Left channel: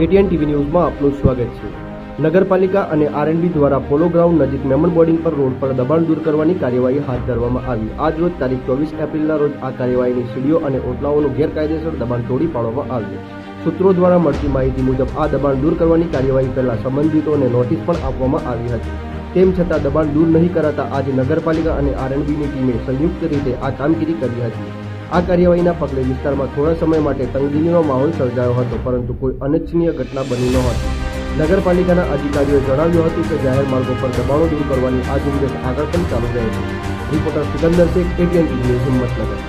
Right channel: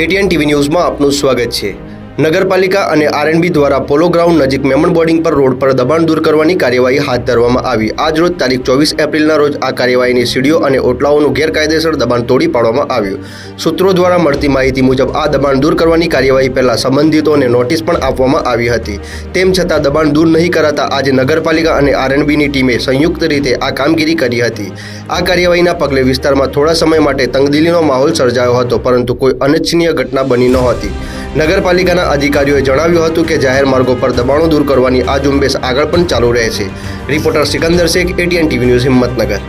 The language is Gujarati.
એટીએન ટીવી ન્યૂઝમાં આપનું સ્વાગત છે। નગરપાલિકા અને આરએનબી દ્વારા પોલો ગ્રાઉન્ડ નજીક મેમણ બોર્ડિંગ પર રોડ પર દબાણ દૂર કરવાની કાર્યવાહી હાથ ધરવામાં આવી। આજ રોજ તારીખ 24 એપ્રિલના રોજ આ કાર્યવાહીની સીડીઓ અને ઓટલાઓનું ગેરકાયદેસર દબાણ તોડી પાડવામાં આવ્યું। સૂત્રો દ્વારા મળતી માહિતી મુજબ આ દબાણ દૂર કરવાની કાર્યવાહી પહેલા સંબંધિતોને નોટિસ પણ આપવામાં આવી હતી। તેમ છતાં દબાણ દૂર નહીં કરાતા આજે નગરપાલિકા અને આરએનબીની ટીમે સંયુક્ત રીતે આ કામગીરી કરી હતી। આ કાર્યવાહીના પગલે વિસ્તારમાં થોડા સમય માટે તંગદિલીનો માહોલ સર્જાયો હતો, પરંતુ કોઈ અનિચ્છનીય ઘટના બની નહોતી। નગરપાલિકાના અધિકારીઓએ જણાવ્યું હતું કે જાહેર માર્ગો પર દબાણો દૂર કરવાની આ ઝુંબેશ આગળ પણ ચાલુ રહેશે। Reporter Sikandar Sheikh, ATN TV news, Himmatnagar.